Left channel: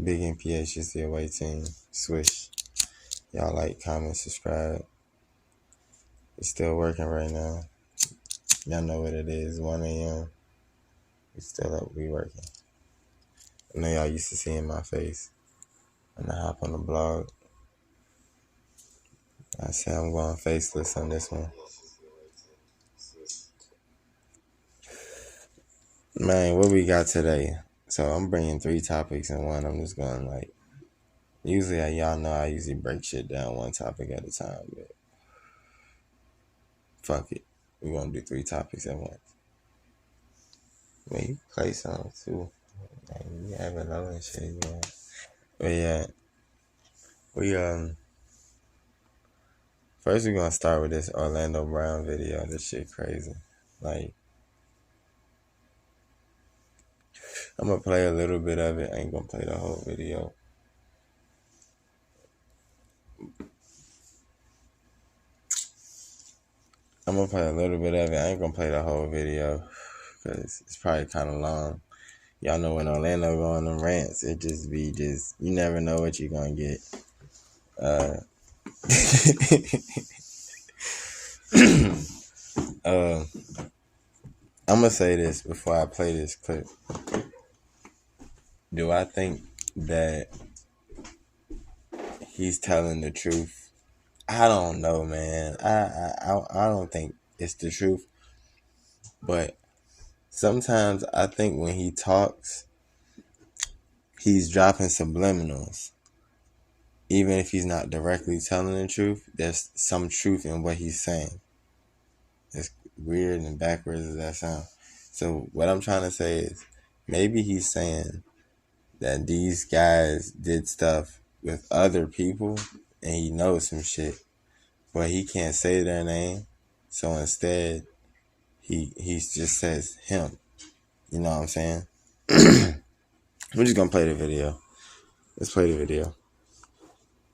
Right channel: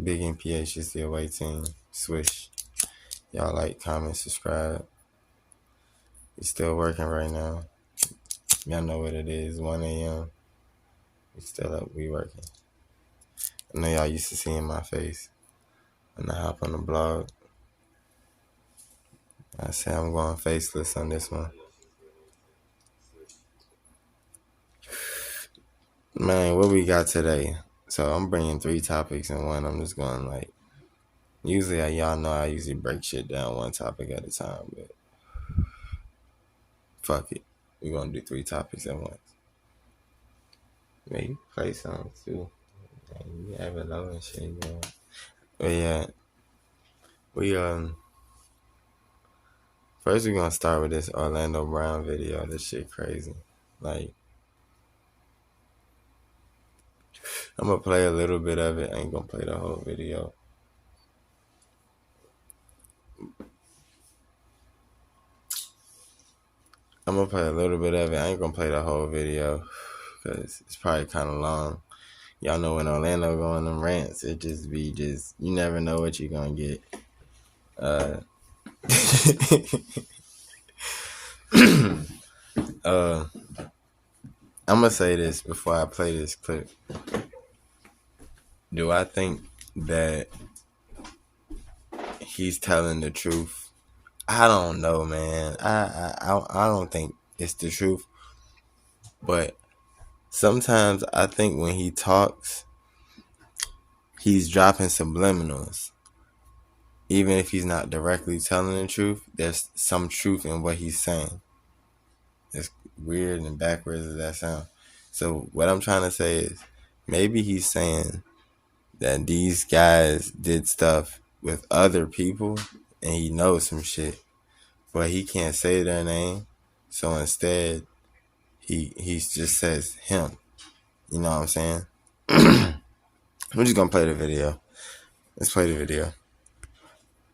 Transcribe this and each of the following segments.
Big NPH is the away team. Swish. Y'all like, comment, subscribe. It's still working right now. Y'all know what it is. 1 a.m. We still up. We working. I know y'all used to seeing my face when I hop on the blog. I say I'm going faceless on this one. Man, what we got today? So I'm bringing 3 topics in one. I'm just going like, usually y'all know I usually break shit down one topic at a time, but fuck it. We're gonna do 3 topics at once. Man, you play songs too. Man, you have it low and shit, man. But yeah, we first we're gonna start with this Orlando Brown video. This shit crazy. Like, I'm gonna play a little bit of it. I ain't gonna play the whole video. I'm gonna play a little bit of it. I ain't gonna play the whole video because it's probably kind of long. Y'all know when Orlando go on them rants, it just be you never know what you're gonna get. I'm gonna say this before I play this clip. Do I think that he's telling the truth? I don't know, man. I don't think it's the truth. But sometimes I think when he talks, he's dropping subliminals. Even if he's not directly telling the truth, there's some truth in what he's saying. It's weird and backwards as that sound. So what I'm trying to say is, maybe he's saying that these guys did stuff with other people and he knows some shit, but he can't say their name. So instead, he just says him. You know what I'm saying? We're just gonna play the video. Let's play the video.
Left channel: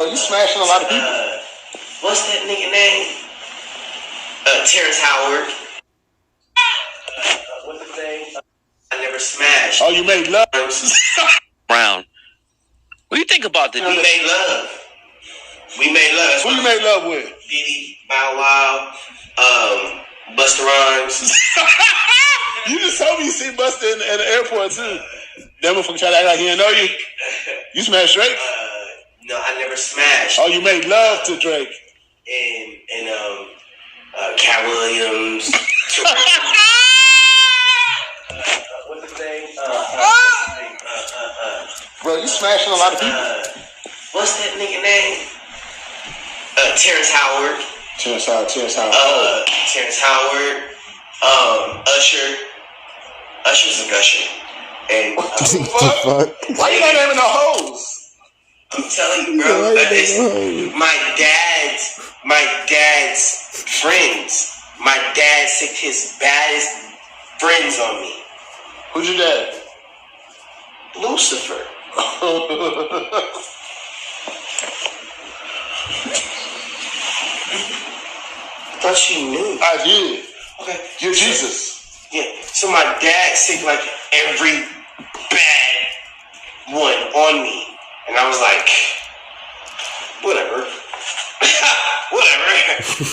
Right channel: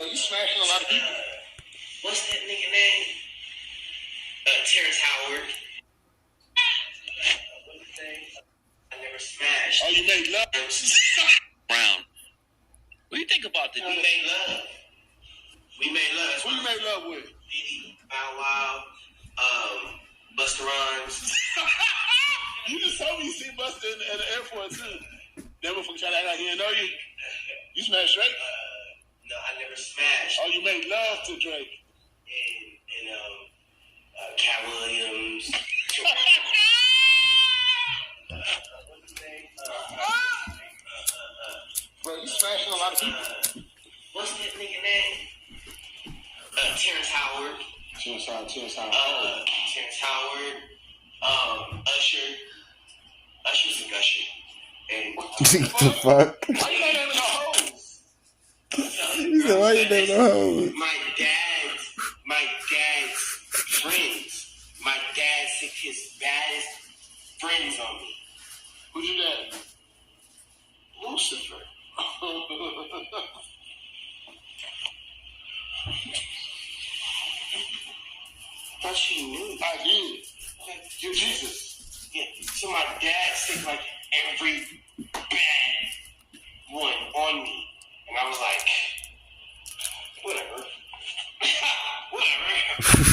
Oh, you smashing a lot of people. What's that nigga name? Terrence Howard. What's his name? I never smashed. Oh, you made love. Brown. What do you think about this? We made love. We made love. Who you made love with? Diddy, Bow Wow, Busta Rhymes. You just told me you see Busta at the airport too. That motherfucker try to act like he didn't know you. You smashed Drake? No, I never smashed. Oh, you made love to Drake. And Cat Williams. What's his name? Bro, you smashing a lot of people. What's that nigga name? Terrence Howard. Terrence Howard. Terrence Howard. Usher. Usher's a gusher. And What the fuck? Why you not naming no hoes? I'm telling you, bro. My dad's friends. My dad sicked his baddest friends on me. Who's your dad? Lucifer. I thought you knew. I did. Okay. You're Jesus. Yeah. So my dad sicked like every bad one on me. And I was like, whatever. Whatever.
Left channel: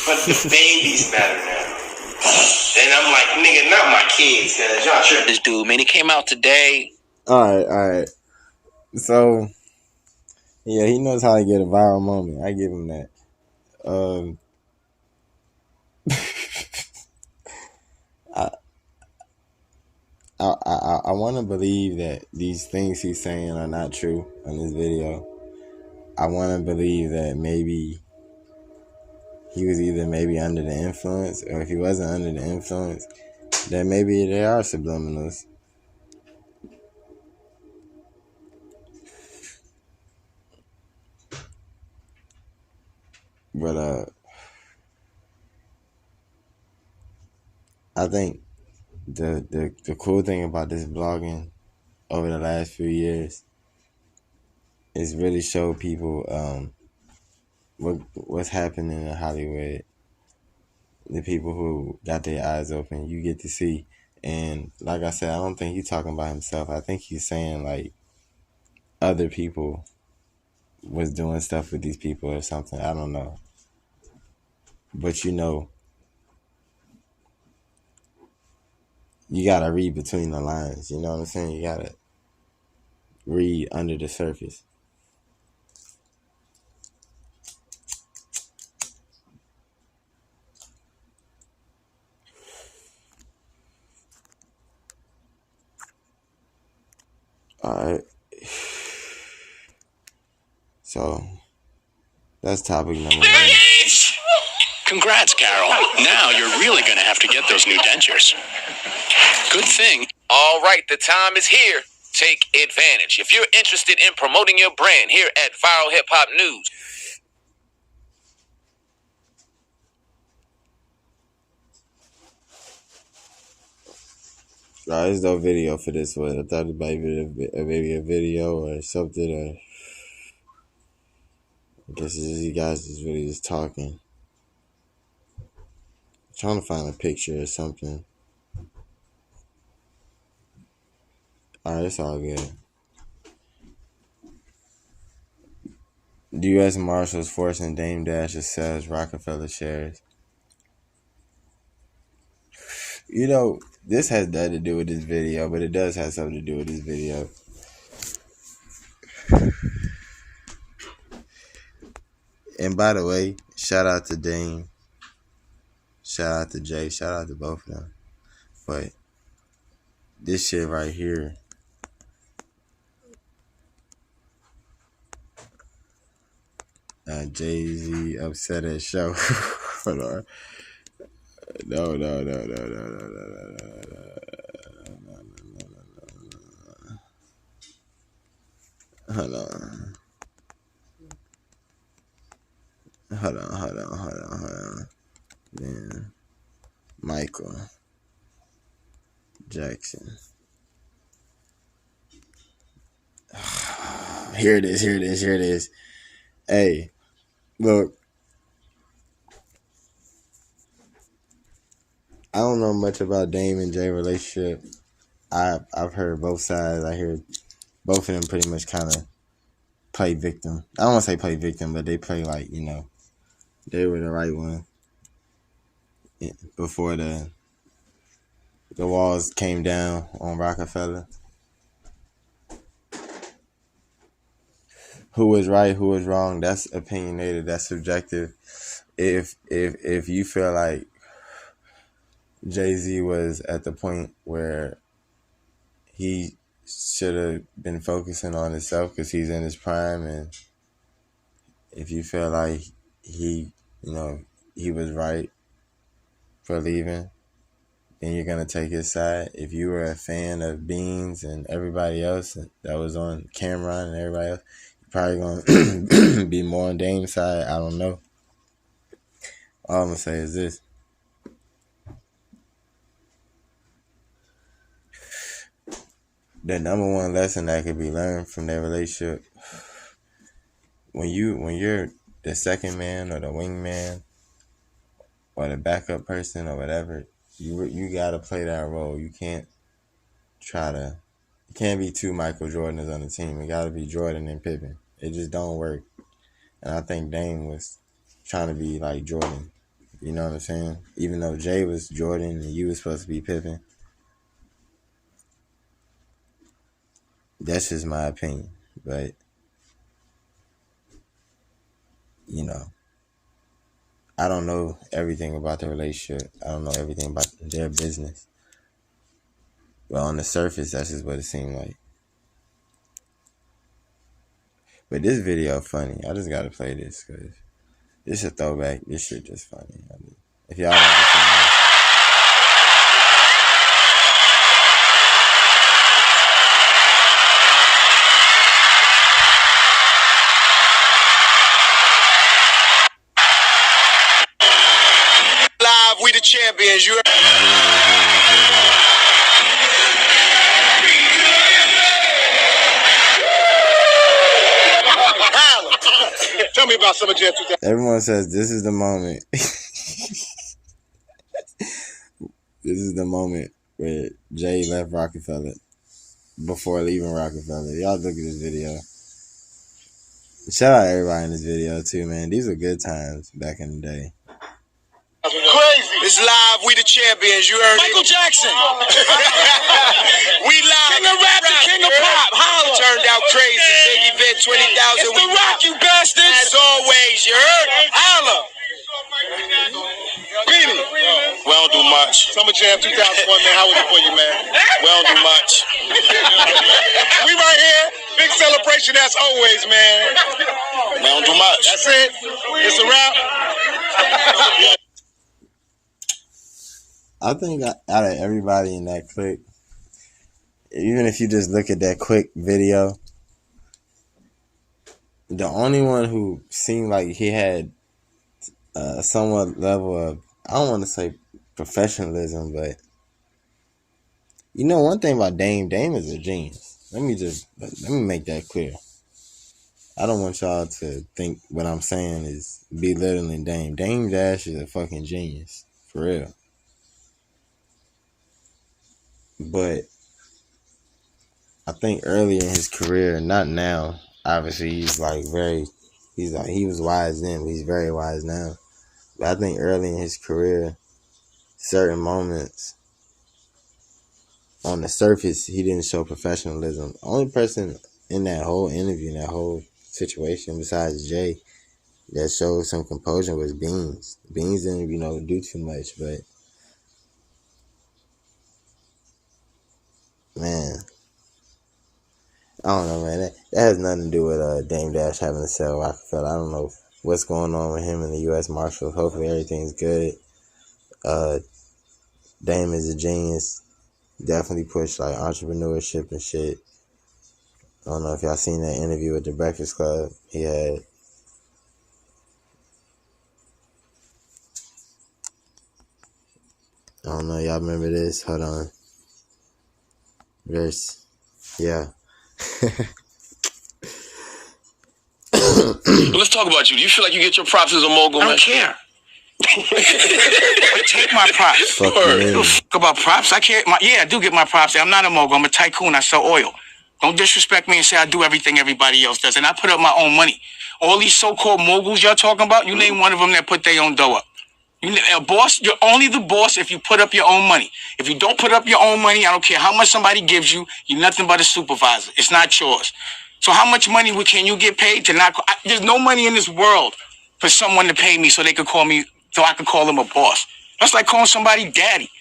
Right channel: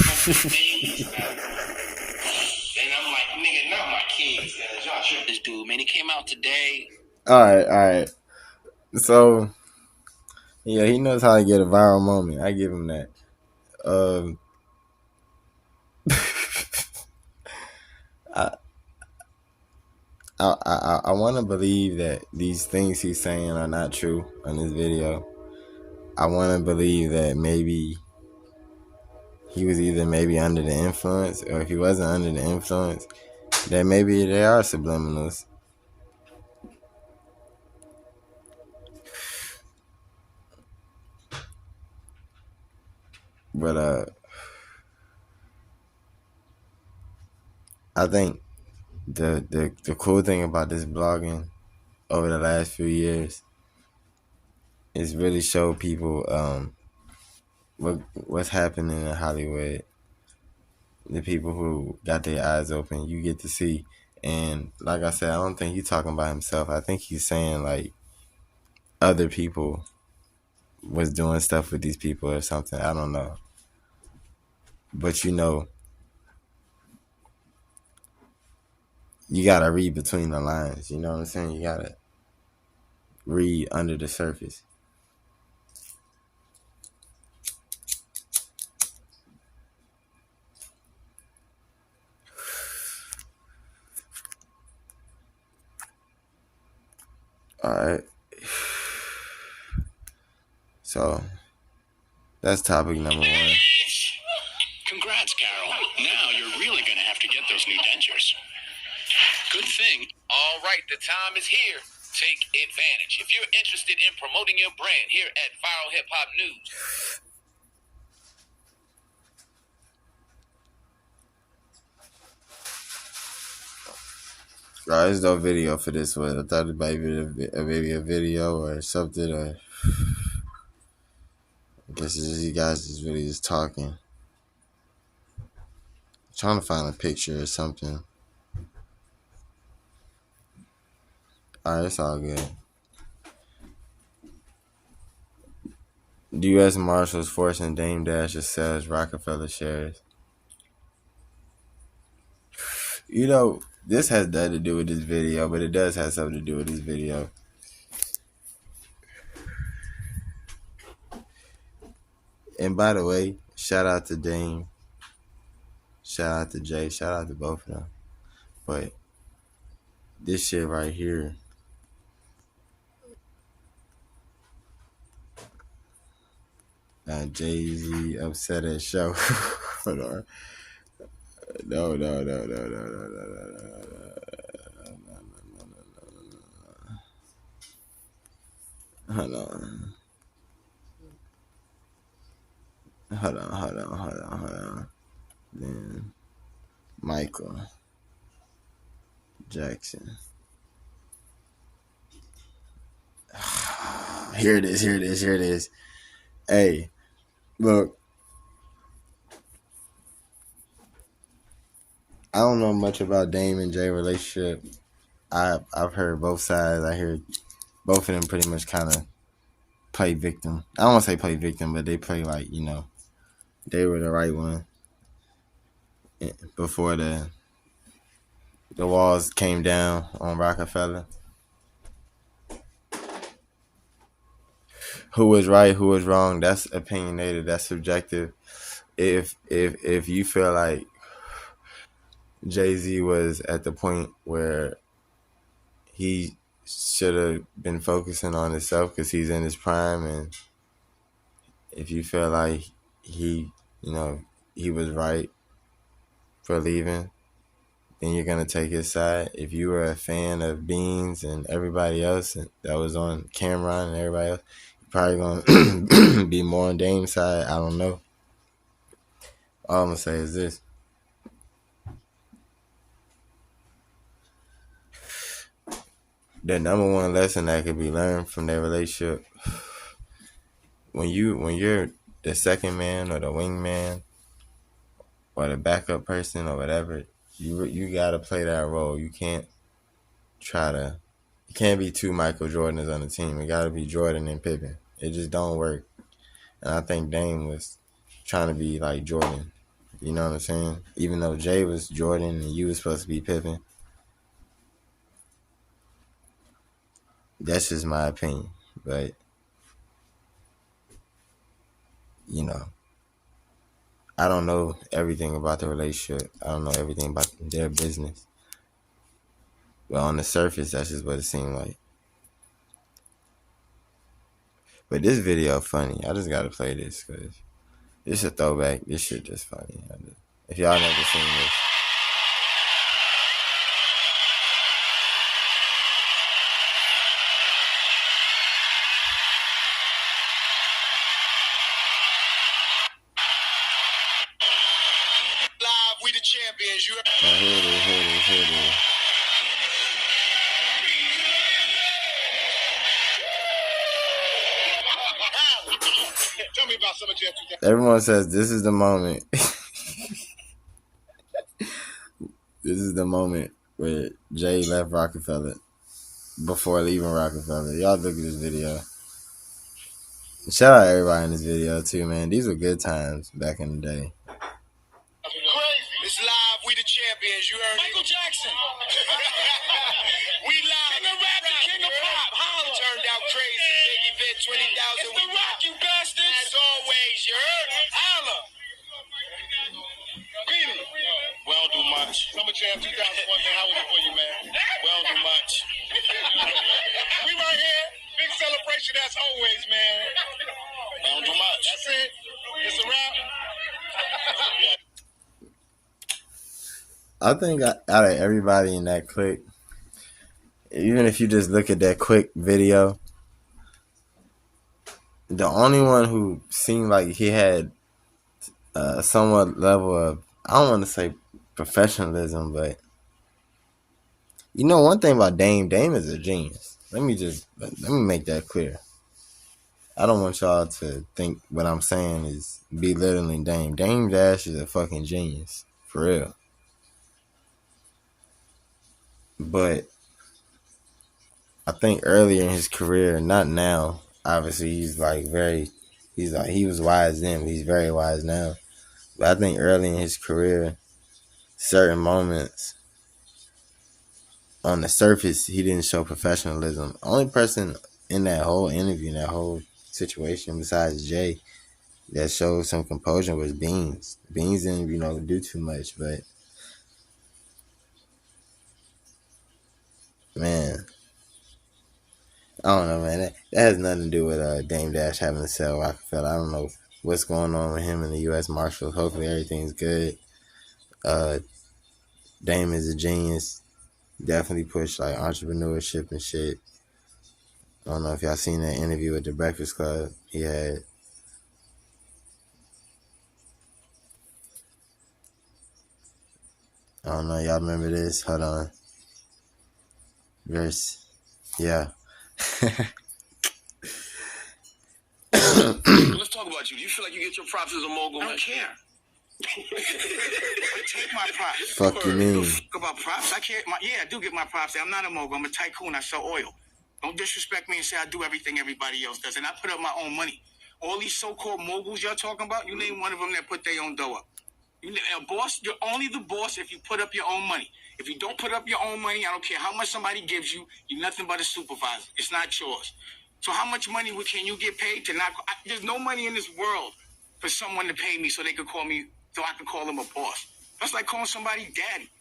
But the babies matter now. And I'm like, nigga, not my kids, cause y'all sure this dude, man, he came out today. Alright. So, yeah, he knows how to get a viral moment. I give him that. I want to believe that these things he's saying are not true on this video. I want to believe that maybe he was either under the influence, or if he wasn't under the influence, that maybe they are subliminals. But I think the cool thing about this blogging over the last few years is really show people what's happening in Hollywood. The people who got their eyes open, you get to see. And like I said, I don't think he's talking about himself. I think he's saying, like, other people was doing stuff with these people or something. I don't know. But you gotta read between the lines. You know what I'm saying? You gotta read under the surface. Alright. So that's topic number 1. Congrats, Carol. Now you're really going to have to get those new dentures. Good thing. All right, the time is here. Take advantage. If you're interested in promoting your brand here at Viral Hip Hop News. There's no video for this one. I thought it might be maybe a video or something. Or I guess it's just you guys just really just talking. I'm trying to find a picture or something. Alright, it's all good. The U.S. Marshals forcing Dame Dash to sell his Rockefeller shares. You know, this has nothing to do with this video, but it does have something to do with this video. And by the way, shout out to Dame. Shout out to Jay. Shout out to both of them. But this shit right here. Jay-Z upset at show. Hold on. No. Hold on. Then Michael Jackson. Here it is. Hey, look. I don't know much about Dame and Jay relationship. I've heard both sides. I hear both of them pretty much kind of play victim. I don't want to say play victim, but they play like, they were the right one before the walls came down on Rockefeller. Who was right, who was wrong, that's opinionated, that's subjective. If you feel like Jay-Z was at the point where he should have been focusing on himself because he's in his prime, and if you feel like he was right for leaving, then you're going to take his side. If you were a fan of Beans and everybody else that was on Cameron and everybody else, you're probably going to be more on Dame's side. I don't know. All I'm going to say is this. The number one lesson that could be learned from their relationship, when you're the second man or the wingman or the backup person or whatever, you gotta play that role. You can't be two Michael Jordans on the team. It gotta be Jordan and Pippen. It just don't work. And I think Dame was trying to be like Jordan. You know what I'm saying? Even though Jay was Jordan and you was supposed to be Pippen. That's just my opinion. But, I don't know everything about the relationship. I don't know everything about their business. But on the surface, that's just what it seemed like. But this video funny. I just gotta play this because it's a throwback. This shit just funny. If y'all know the song. We the champions. You. Tell me about some of Jeff. Everyone says this is the moment. This is the moment where Jay left Rockefeller before leaving Rockefeller. Y'all look at this video. Shout out everybody in this video too, man. These were good times back in the day. Crazy. It's live. We the champions. You heard Michael Jackson. We live. King of rap, the king of pop. Holla. Turned out crazy. Big event, 20,000. It's the Rock, you bastards. As always, you heard? Holla. Beanie. We don't do much. Summer Jam 2001, man. How was it for you, man? We don't do much. We right here. Big celebration as always, man. We don't do much. That's it. It's a wrap. I think out of everybody in that clip, even if you just look at that quick video, the only one who seemed like he had a somewhat level of, I don't want to say professionalism, but you know one thing about Dame is a genius. Let me make that clear. I don't want y'all to think what I'm saying is belittling Dame. Dame Dash is a fucking genius, for real. But I think earlier in his career, not now, obviously he was wise then, but he's very wise now. But I think early in his career, certain moments on the surface, he didn't show professionalism. The only person in that whole interview, that whole situation, besides Jay, that showed some composure was Beans. Beans didn't, do too much, but man, I don't know, man. That has nothing to do with Dame Dash having to sell Rockefeller. I don't know what's going on with him and the U.S. Marshals. Hopefully everything's good. Dame is a genius. Definitely push like entrepreneurship and shit. I don't know if y'all seen that interview with the Breakfast Club he had. I don't know, y'all remember this? Hold on. Verse. Yeah. Let's talk about you. Do you feel like you get your props as a mogul? I don't care. Take my props. Fuck about props. I care. I do get my props. I'm not a mogul. I'm a tycoon. I sell oil. Don't disrespect me and say I do everything everybody else does. And I put up my own money. All these so-called moguls y'all talking about, you name one of them that put their own dough up. A boss, you're only the boss if you put up your own money. If you don't put up your own money, I don't care how much somebody gives you, you're nothing but a supervisor. It's not yours. So how much money can you get paid to not... There's no money in this world for someone to pay me so they could call me, so I could call them a boss. That's like calling somebody daddy.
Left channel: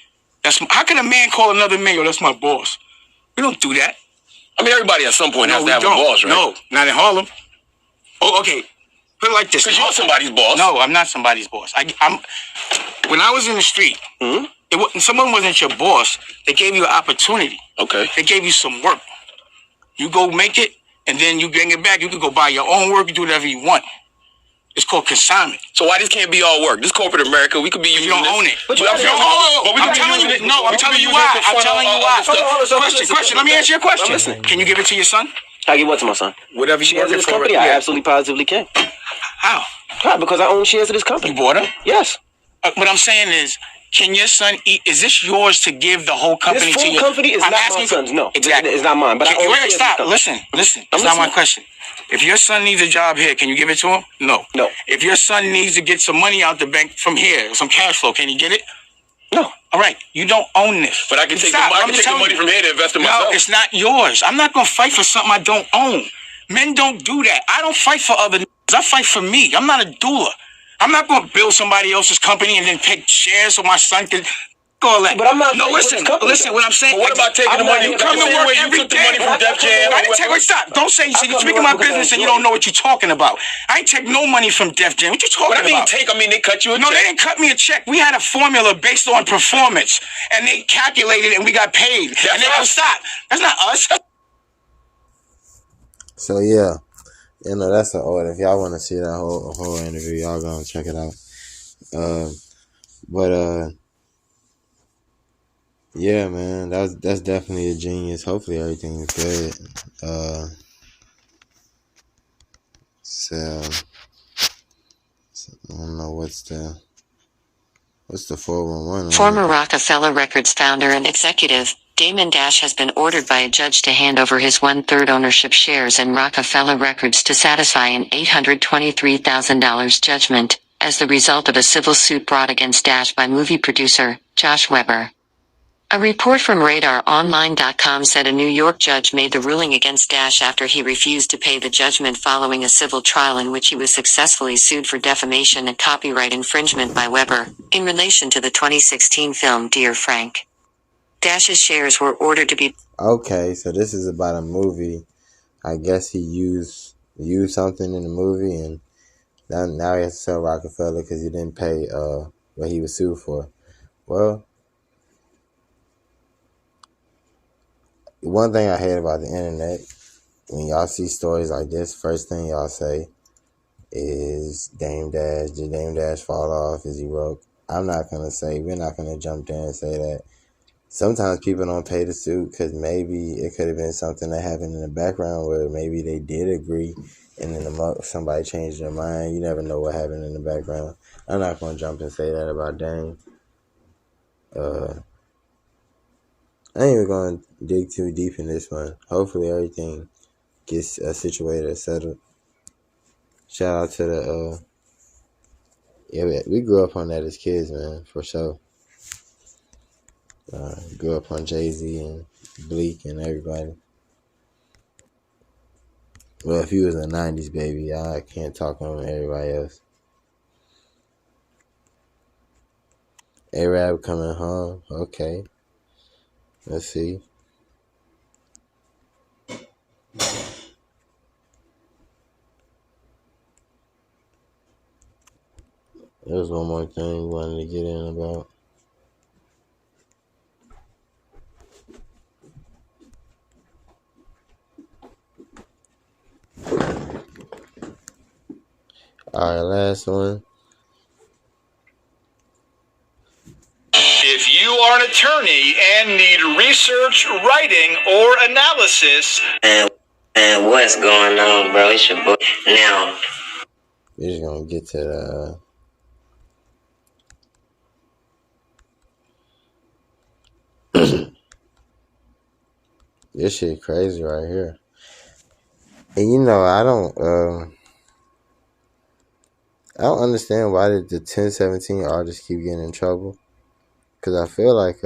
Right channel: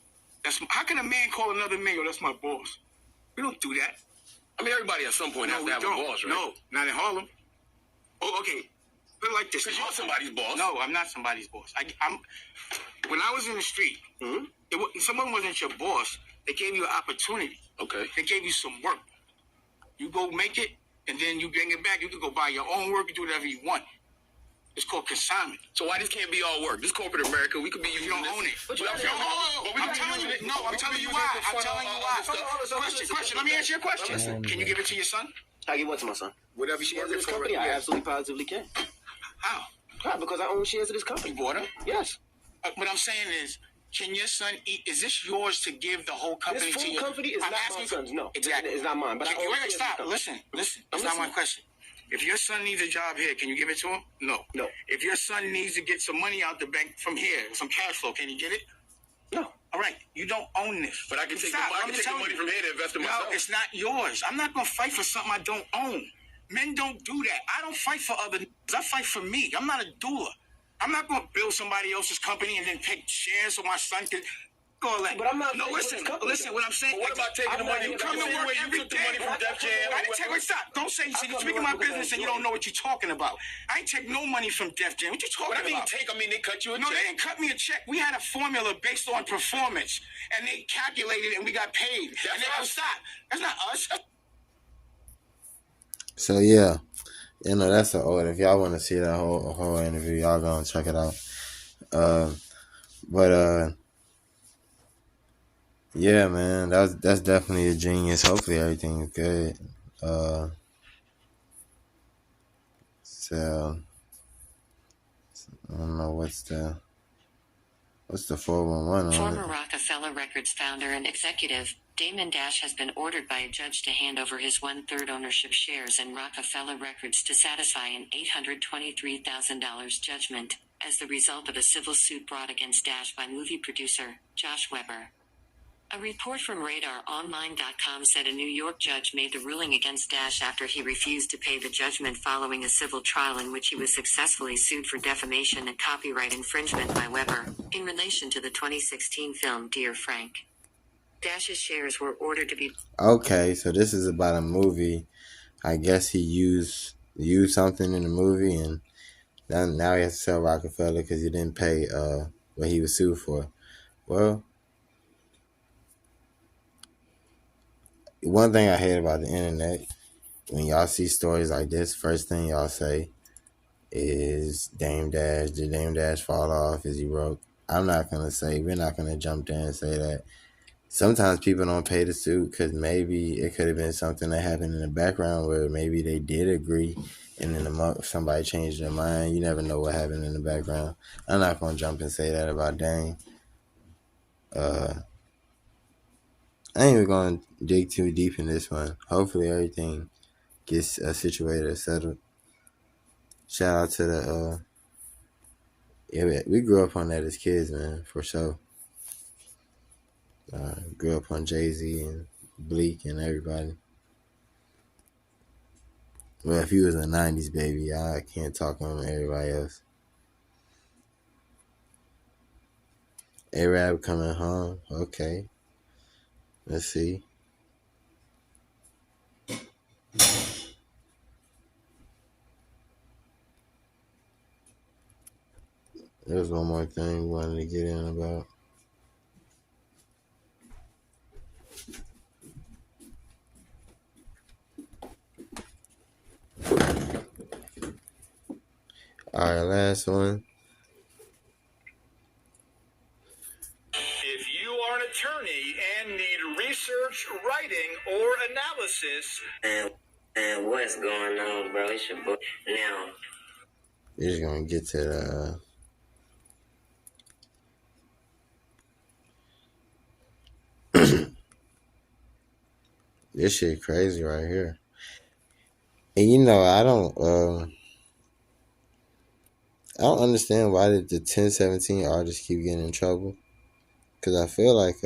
How can a man call another man, yo, that's my boss? We don't do that. I mean, everybody at some point has to have a boss, right? No, not in Harlem. Oh, okay. Put it like this. Because you're somebody's boss. No, I'm not somebody's boss. When I was in the street, someone wasn't your boss. They gave you an opportunity. Okay. They gave you some work. You go make it, and then you bring it back. You can go buy your own work. You do whatever you want. It's called consignment. So why this can't be all work? This corporate America, we could be using you don't own it. But I'm telling you why. I'm telling you why. Question. Let me answer your question. Can you give it to your son? I give what to my son? Whatever shares of this company, I absolutely positively can. How? Because I own shares of this company. You bought them? Yes. What I'm saying is, can your son eat? Is this yours to give the whole company to you? This company is not my son's. No, exactly. It's not mine. But stop. Listen. That's not my question. If your son needs a job here, can you give it to him? No. If your son needs to get some money out the bank from here, some cash flow, can you get it? No. All right. You don't own this. But I can take the money from here to invest in myself. No, it's not yours. I'm not going to fight for something I don't own. Men don't do that. I don't fight for other niggas. I fight for me. I'm not a doula. I'm not going to build somebody else's company and then take shares so my son can... All that. But I'm not... No, listen. What I'm saying... But what about taking the money... You come to work every day. From Def Jam. I didn't take... Wait, stop. Don't say... You're speaking my business and you don't know what you're talking about. I ain't take no money from Def Jam. What you talking about? I mean they cut you a check. No, they didn't cut me a check. We had a formula based on performance. And they calculated and we got paid. And they go, stop. That's not us. So, yeah. That's an order. If y'all want to see that whole interview, y'all go and check it out. Yeah, man, that's definitely a genius. Hopefully everything's good. So I don't know what's the 411. Former Rockefeller Records founder and executive Damon Dash has been ordered by a judge to hand over his 1/3 ownership shares in Rockefeller Records to satisfy an $823,000 judgment, as the result of a civil suit brought against Dash by movie producer, Josh Weber. A report from RadarOnline.com said a New York judge made the ruling against Dash after he refused to pay the judgment following a civil trial in which he was successfully sued for defamation and copyright infringement by Weber, in relation to the 2016 film Dear Frank. Dash's shares were ordered to be... Okay, so this is about a movie. I guess he used something in the movie, and now he has to sell Rockefeller because he didn't pay what he was sued for. Well, one thing I hate about the internet, when y'all see stories like this, first thing y'all say is Dame Dash. Did Dame Dash fall off? Is he broke? We're not going to jump there and say that. Sometimes people don't pay the suit because maybe it could have been something that happened in the background where maybe they did agree and then somebody changed their mind. You never know what happened in the background. I'm not going to jump and say that about Dame. I ain't even going to dig too deep in this one. Hopefully everything gets situated or settled. Shout out to the... we grew up on that as kids, man, for sure. Grew up on Jay-Z and Bleak and everybody. Well, if you was a 90s baby, I can't talk on everybody else. A-Rab coming home. Okay. Let's see. There's one more thing we wanted to get in about. Alright, last one. If you are an attorney and need research, writing, or analysis... And what's going on, bro? It's your boy. Now, We're just going to get to the... This shit crazy right here. And you know, I don't understand why did the 1017 artists keep getting in trouble. Because I feel like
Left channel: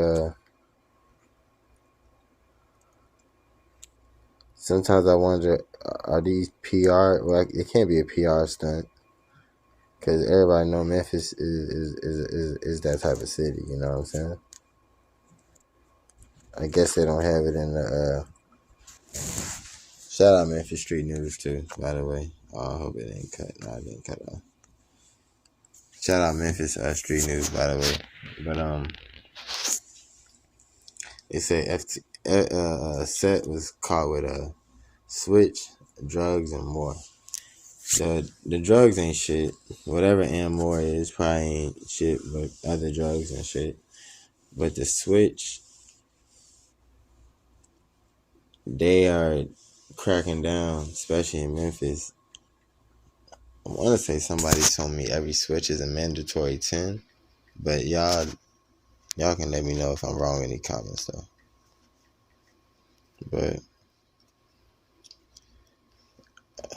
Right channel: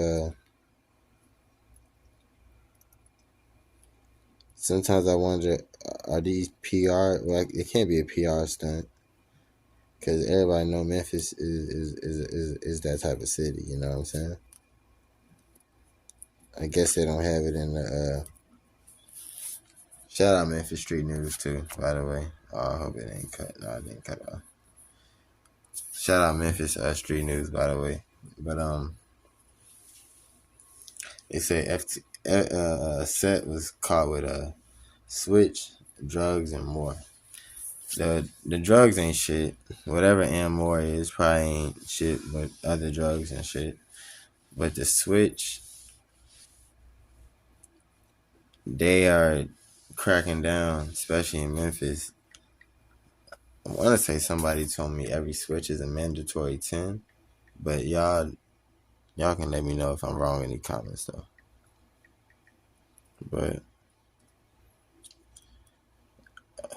sometimes I wonder, are these PR? Well, it can't be a PR stunt. Because everybody know Memphis is that type of city. You know what I'm saying? I guess they don't have it in the... Shout out Memphis Street News too, by the way. Oh, I hope it ain't cut. No, it didn't cut off. Shout out Memphis Street News, by the way. But they say Sett was caught with a switch, drugs, and more. The drugs ain't shit. Whatever and more is probably ain't shit, but other drugs and shit. But the switch, they are cracking down, especially in Memphis. I want to say somebody told me every switch is a mandatory 10, but y'all can let me know if I'm wrong in the comments though. But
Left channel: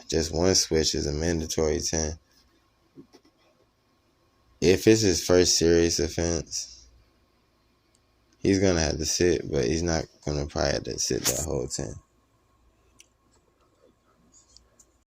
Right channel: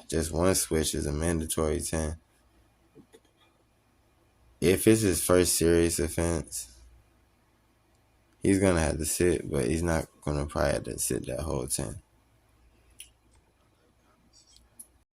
just one switch is a mandatory 10. If it's his first serious offense, he's gonna have to sit, but he's not gonna probably have to sit that whole 10.